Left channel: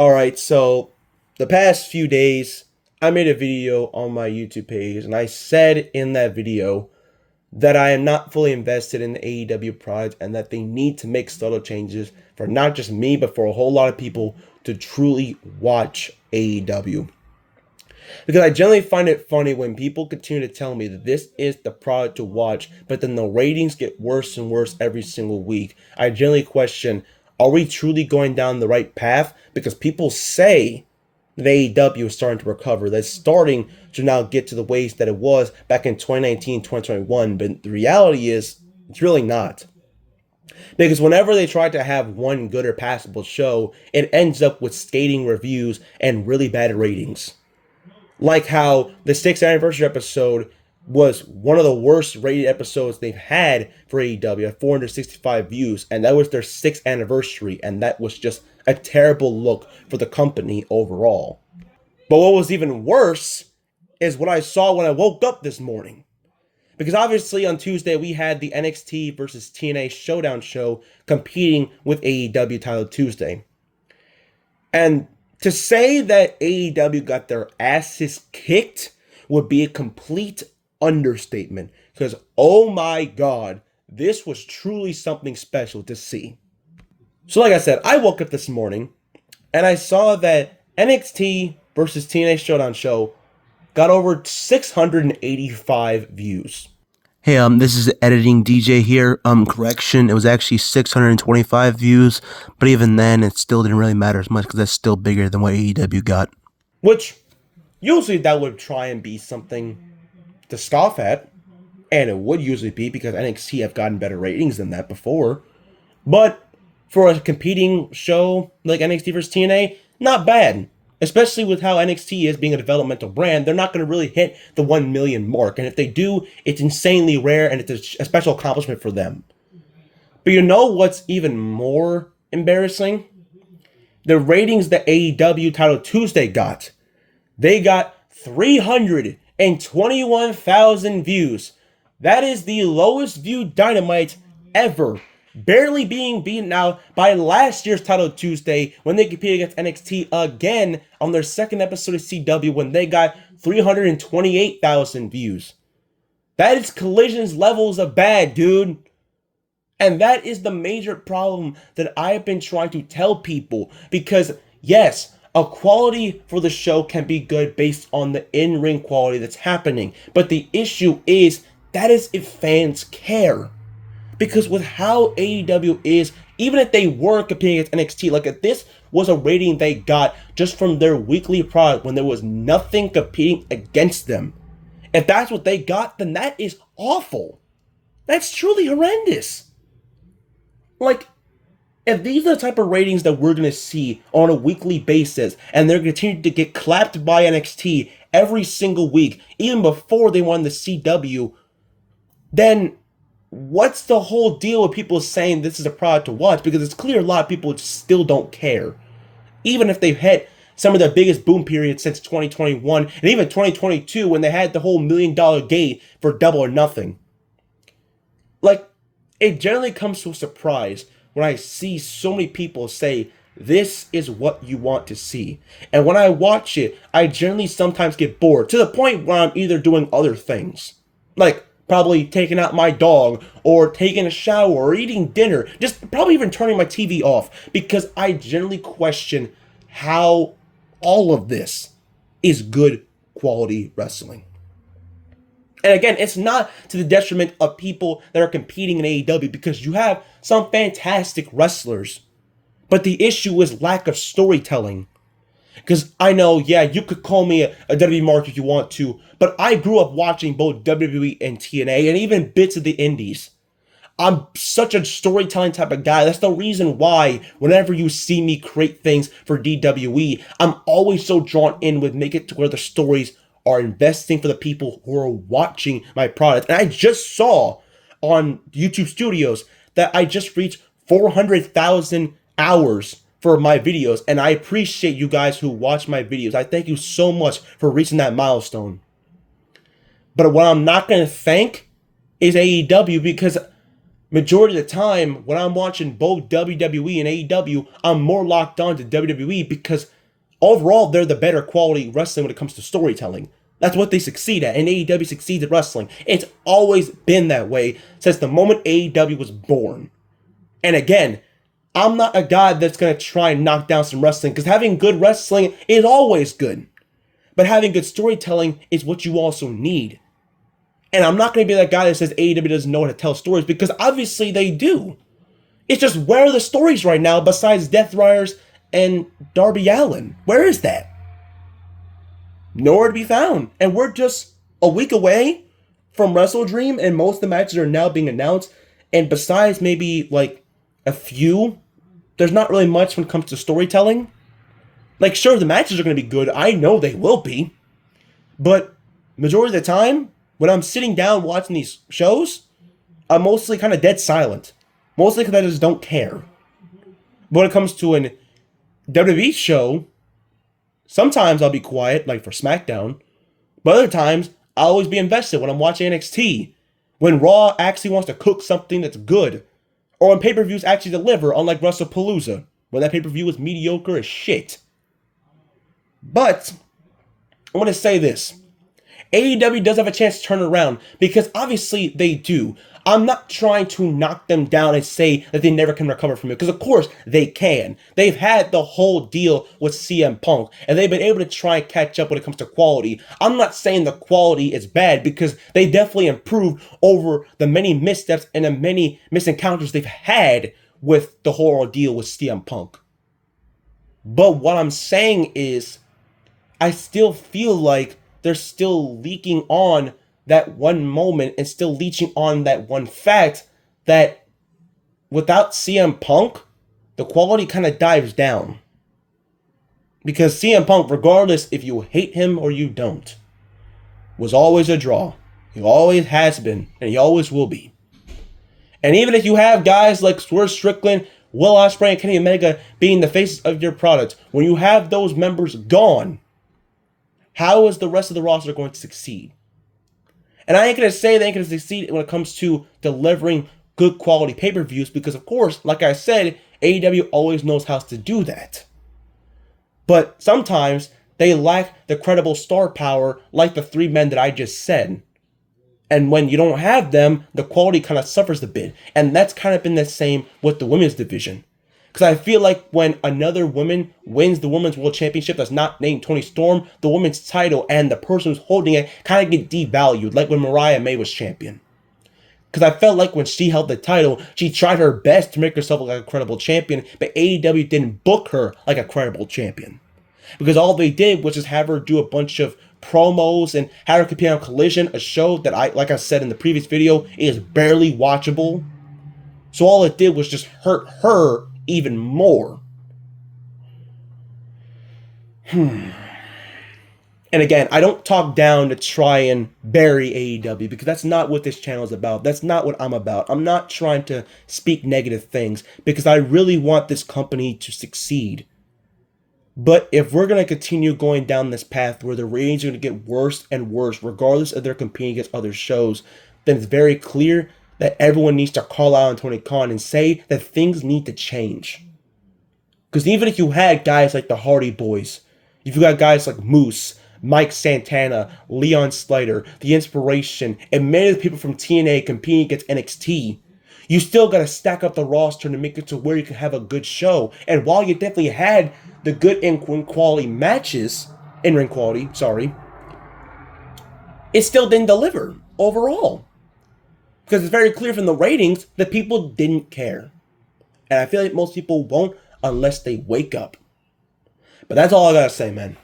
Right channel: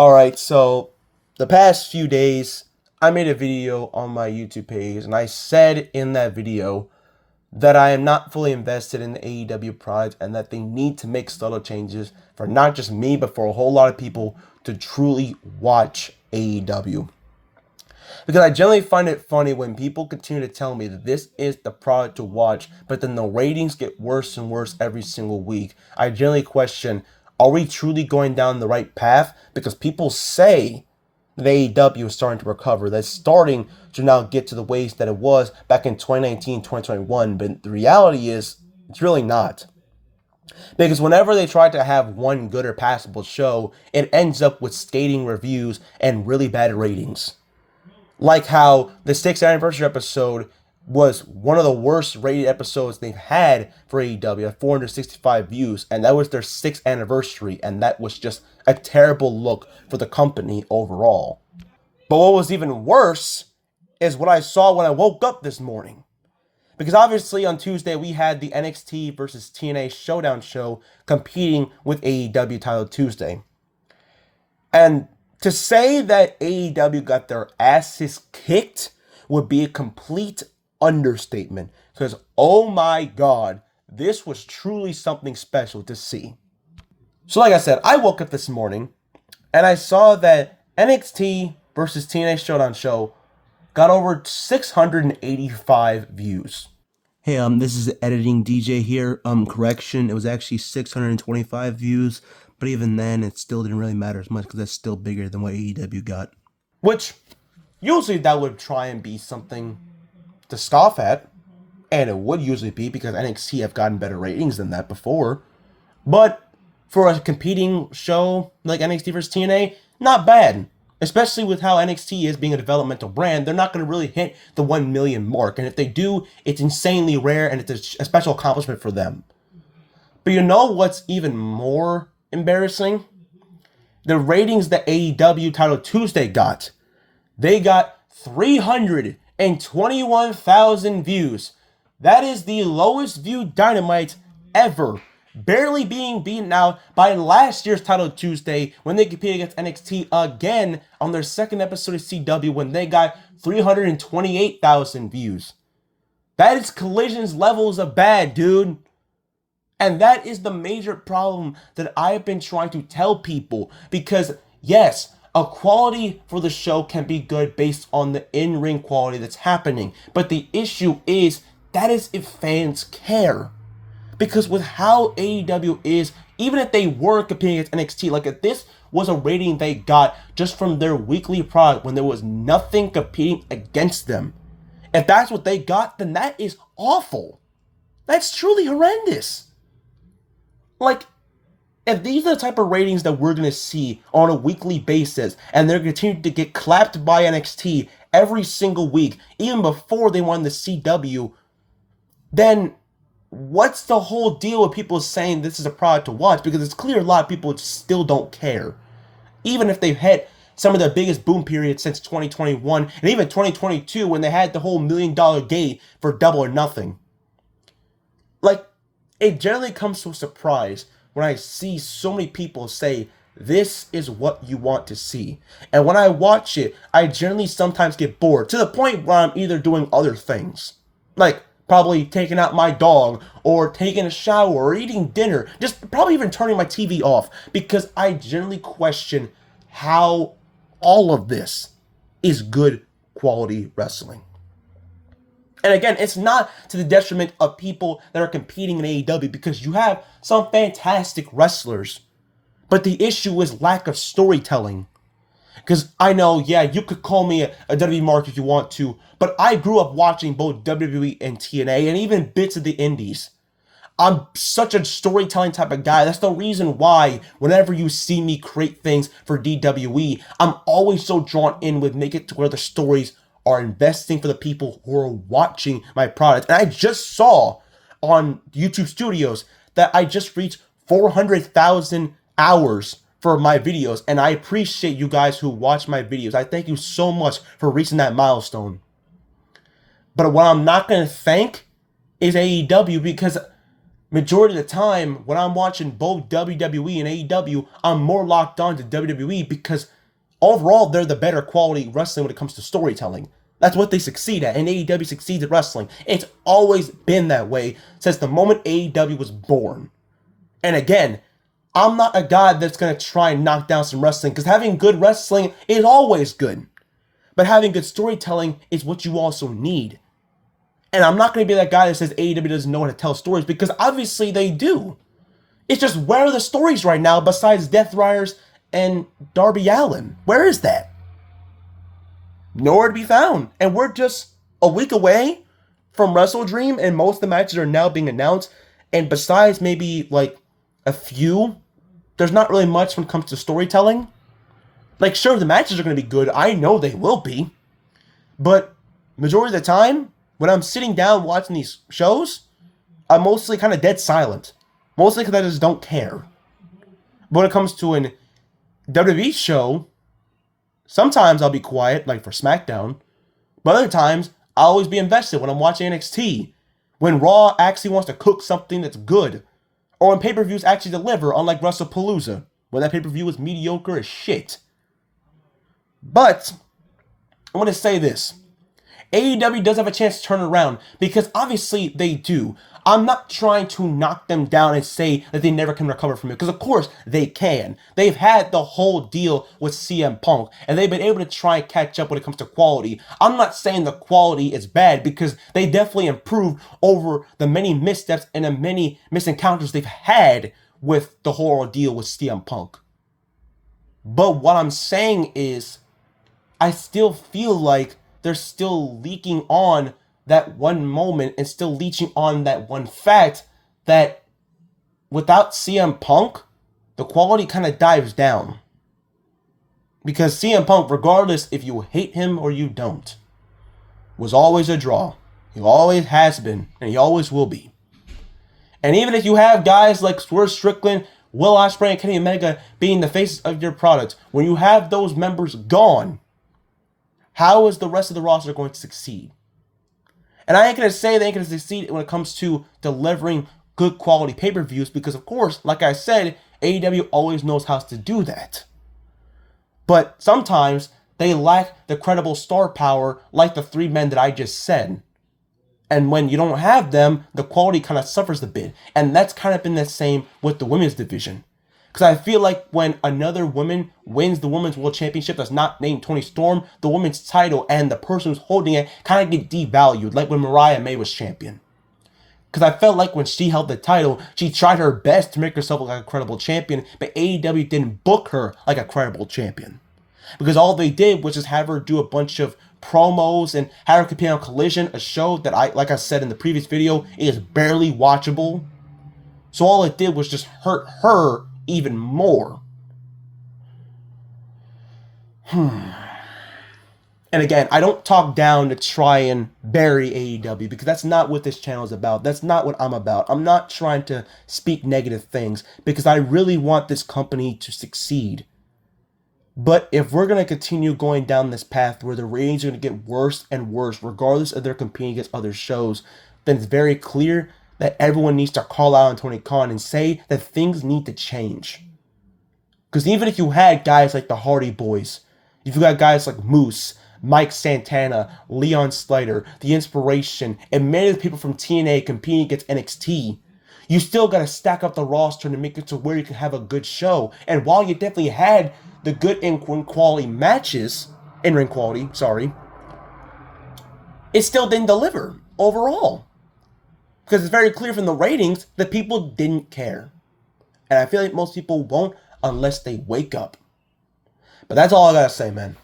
All right, so the past few days, I made a video on my YouTube page, and I said in that video that I am not fully invested in the AEW product and that they need to make subtle changes for not just me, but for a whole lot of people to truly watch AEW. Because I generally find it funny when people continue to tell me that this is the product to watch, but then the ratings get worse and worse every single week. I generally question, are we truly going down the right path? Because people say that AEW is starting to recover, that's starting to now get to the ways that it was back in 2019, 2021, but the reality is, it's really not. Because whenever they try to have one good or passable show, it ends up with scathing reviews and really bad ratings. Like how the 6th anniversary episode was one of the worst rated episodes they've had for AEW at 465 views, and that was their 6th anniversary, and that was just a terrible look for the company overall. But what was even worse is what I saw when I woke up this morning. Because obviously on Tuesday we had the NXT versus TNA Showdown show competing with AEW Title Tuesday. And to say that AEW got their asses kicked would be a complete understatement. Because, oh my god, this was truly something special to see. So like I said, I woke up this morning and I saw that NXT versus TNA Showdown show got over 685 views. Hey, this is the editing DJ here. Correction, it was actually 625 views, but even then, it still didn't really matter as much because that's still bigger than what AEW got. Which, usually that would try and be something to scoff at, and it would usually be because NXT have gotten better ratings than that before. But for a competing show like NXT vs TNA, not bad. Especially with how NXT is being a developmental brand, they're not going to really hit the 1 million mark. And if they do, it's insanely rare and it's a special accomplishment for them. But you know what's even more embarrassing? The ratings that AEW Title Tuesday got. They got 321,000 views. That is the lowest viewed Dynamite ever. Barely being beaten out by last year's Title Tuesday when they competed against NXT again on their second episode of CW when they got 328,000 views. That is Collision's levels of bad, dude. And that is the major problem that I've been trying to tell people. Because, yes, a quality for the show can be good based on the in-ring quality that's happening. But the issue is, that is if fans care. Because with how AEW is, even if they were competing against NXT, like if this was a rating they got just from their weekly product when there was nothing competing against them, if that's what they got, then that is awful. That's truly horrendous. Like, if these are the type of ratings that we're going to see on a weekly basis, and they're continuing to get clapped by NXT every single week, even before they won the CW, then what's the whole deal with people saying this is a product to watch? Because it's clear a lot of people still don't care. Even if they've hit some of their biggest boom periods since 2021 and even 2022 when they had the whole $1 million gate for Double or Nothing. Like, it generally comes to a surprise when I see so many people say, this is what you want to see. And when I watch it, I generally sometimes get bored to the point where I'm either doing other things. Like, probably taking out my dog, or taking a shower, or eating dinner, just probably even turning my TV off, because I generally question how all of this is good quality wrestling. And again, it's not to the detriment of people that are competing in AEW, because you have some fantastic wrestlers, but the issue is lack of storytelling. Because I know, yeah, you could call me a WWE mark if you want to, but I grew up watching both WWE and TNA and even bits of the indies. I'm such a storytelling type of guy. That's the reason why whenever you see me create things for DWE, I'm always so drawn in with make it to where the stories are investing for the people who are watching my product. And I just saw on YouTube Studios that I just reached 400,000 hours for my videos, and I appreciate you guys who watch my videos. I thank you so much for reaching that milestone. But what I'm not going to thank is AEW, because Majority of the time, when I'm watching both WWE and AEW, I'm more locked on to WWE because overall, they're the better quality wrestling when it comes to storytelling. That's what they succeed at, and AEW succeeds at wrestling. It's always been that way since the moment AEW was born. And again, I'm not a guy that's going to try and knock down some wrestling, because having good wrestling is always good. But having good storytelling is what you also need. And I'm not going to be that guy that says AEW doesn't know how to tell stories, because obviously they do. It's just, where are the stories right now besides Death Riders and Darby Allin? Where is that? Nowhere to be found. And we're just a week away from Wrestle Dream, and most of the matches are now being announced. And besides maybe like a few, there's not really much when it comes to storytelling. Like, sure, the matches are going to be good. I know they will be. But majority of the time, when I'm sitting down watching these shows, I'm mostly kind of dead silent. Mostly because I just don't care. But when it comes to an WWE show, sometimes I'll be quiet, like for SmackDown. But other times, I'll always be invested when I'm watching NXT. When Raw actually wants to cook something that's good. Or when pay-per-views actually deliver, unlike WrestlePalooza, when that pay-per-view was mediocre as shit. But, I want to say this. AEW does have a chance to turn around, because obviously they do. I'm not trying to knock them down and say that they never can recover from it, because of course they can. They've had the whole deal with CM Punk, and they've been able to try and catch up when it comes to quality. I'm not saying the quality is bad, because they definitely improved over the many missteps and the many misencounters they've had with the whole deal with CM Punk. But what I'm saying is, I still feel like they're still leaking on that one moment and still leeching on that one fact that without CM Punk, the quality kind of dives down. Because CM Punk, regardless if you hate him or you don't, was always a draw. He always has been, and he always will be. And even if you have guys like Swerve Strickland, Will Ospreay, and Kenny Omega being the faces of your product, when you have those members gone, how is the rest of the roster going to succeed? And I ain't going to say they ain't going to succeed when it comes to delivering good quality pay-per-views, because of course, like I said, AEW always knows how to do that. But sometimes they lack the credible star power like the three men that I just said. And when you don't have them, the quality kind of suffers a bit. And that's kind of been the same with the women's division. Because I feel like when another woman wins the Women's World Championship that's not named Toni Storm, the women's title and the person who's holding it kind of get devalued, like when Mariah May was champion. Because I felt like when she held the title, she tried her best to make herself look like a credible champion, but AEW didn't book her like a credible champion. Because all they did was just have her do a bunch of promos and have her compete on Collision, a show that like I said in the previous video, is barely watchable. So all it did was just hurt her even more. And again, I don't talk down to try and bury AEW, because that's not what this channel is about. That's not what I'm about. I'm not trying to speak negative things, because I really want this company to succeed. But if we're going to continue going down this path where the ratings are going to get worse and worse, regardless of their competing against other shows, then it's very clear that everyone needs to call out on Tony Khan and say that things need to change. Because even if you had guys like the Hardy Boys, if you got guys like Moose, Mike Santana, Leon Slater, The Inspiration, and many of the people from TNA competing against NXT, you still got to stack up the roster to make it to where you can have a good show. And while you definitely had the good in-ring quality matches, it still didn't deliver overall. Because it's very clear from the ratings that people didn't care. And I feel like most people won't unless they wake up. But that's all I gotta say, man.